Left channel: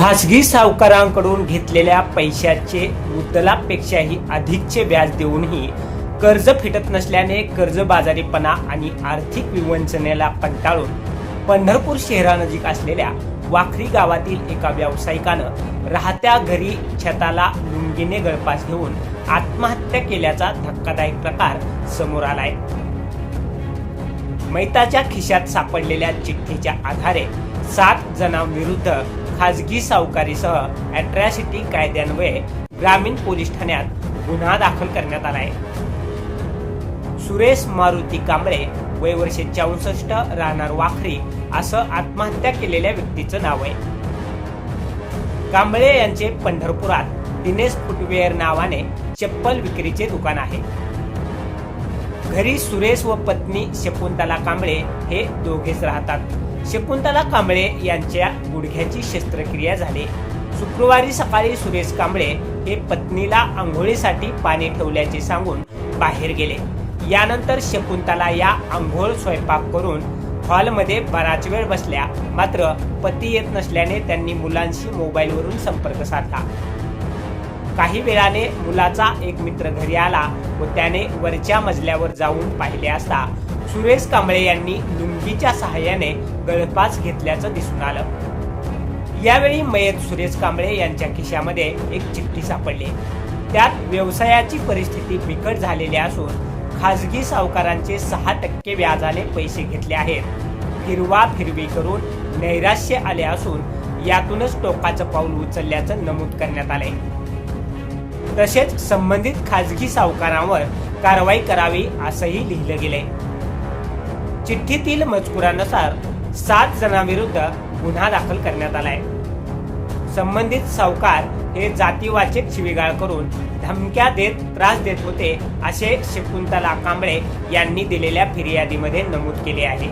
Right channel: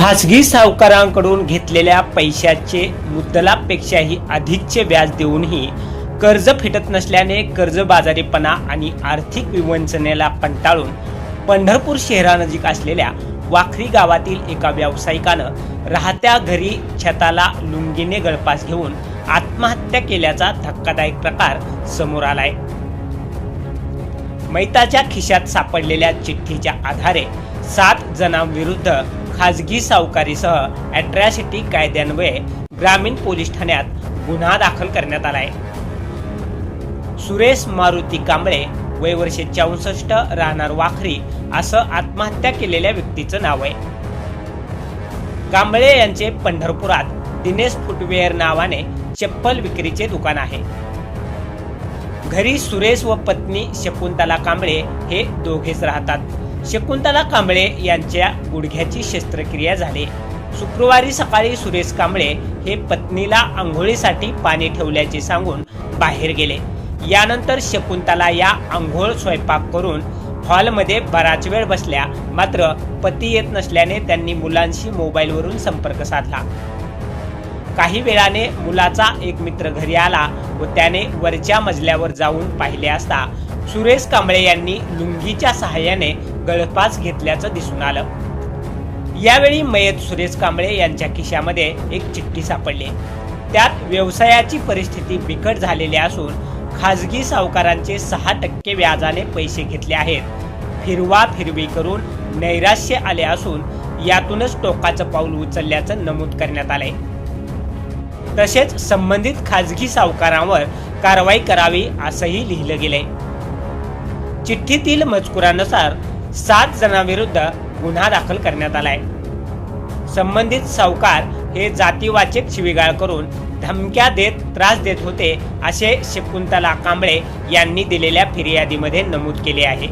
खासगी सावकारांकडून घेतलेल्या पैशाचे मुद्दलापेक्षाही अधिकचे व्याज देऊनही कर्ज फिटत नसल्याने कर्जबाजारीपणा आणि आर्थिक विवंचनेला कंटाळून पंढरपूर शहरानजीक असलेल्या वाखरी गावातील एका व्यावसायिकानं राहत्या घरी छताला लुंगीने गळपास घेऊन आत्महत्या केल्याचा धक्कादायक प्रकार समोर आलाय. मैताच्या खिशात सापडलेल्या चिठ्ठीच्या आधारे सात जणांविरुद्ध खाजगी सावकारीसह अॅट्रॅसिटी कायद्यान्वये ग्रामीण पोलीस ठाण्यात गुन्हा दाखल करण्यात आलाय. सुरेश मारुती कांबळे वय वर्षे चौसष्ट राहणार वाखरी असं आत्महत्या केलेल्या व्यक्तीचं नाव आहे. कांबळे यांचे पंढरपुरात दिनेश फुटवेअर नावाने चप्पल विक्रीचे दुकान आहे. घरी सुरेश व पत्नी शकुंतला कांबळे हे दोघेच राहतात. शकुंतला कांबळे यांच्या गुडघ्याची शस्त्रक्रिया झाली. शुक्रवारी सकाळी सुरेश कांबळे हे पत्नीला आंघोळीसाठी पाणी ठेवल्याचे सांगून बाहेर गेले. यानंतर शकुंतला या आंघोळ स्वयंपाक करून हॉलमध्ये बराच वेळ बसल्या. मात्र पती येत नसल्याने त्यांनी मुलांशी मोबाईलवरून संपर्क साधला. काही वेळाने मुलाचा एक मित्र घरी आला व त्याने वरच्या मजल्यावर जाऊन पाहिले असता सुरेश कांबळे यांनी लुंगीच्या सहाय्याने गळफास घेतल्याचं दिसून आलं. यावेळी मयत सुरेश कांबळे यांच्या खिशामध्ये एक चिठ्ठी सापडली. त्यात व्यवसायाची परिस्थिती बिकट झालेली असून खाजगी सावकारांचे सहा टक्के व्याजाने पैसे घेतले आहेत. फिरवा फिरवी करून नैराश्य आले असून यातूनच टोकाचं पाऊल उचलल्याचं नमूद करण्यात आलंय. तसेच संबंधित खाजगी सावकारांवर कारवाई करावी असंही लिहिलं गेलंय. चिठ्ठीतील मजकुरानुसार सात जणांविरुद्ध गुन्हा दाखल करण्यात आलाय. संबंधित सावकार हे जातीवाचक शिवीगाळ करून धमक्या देत त्रास देत होते असे शकुंतला कांबळे यांनी दिलेल्या फिर्यादीमध्ये नमूद केले आहे.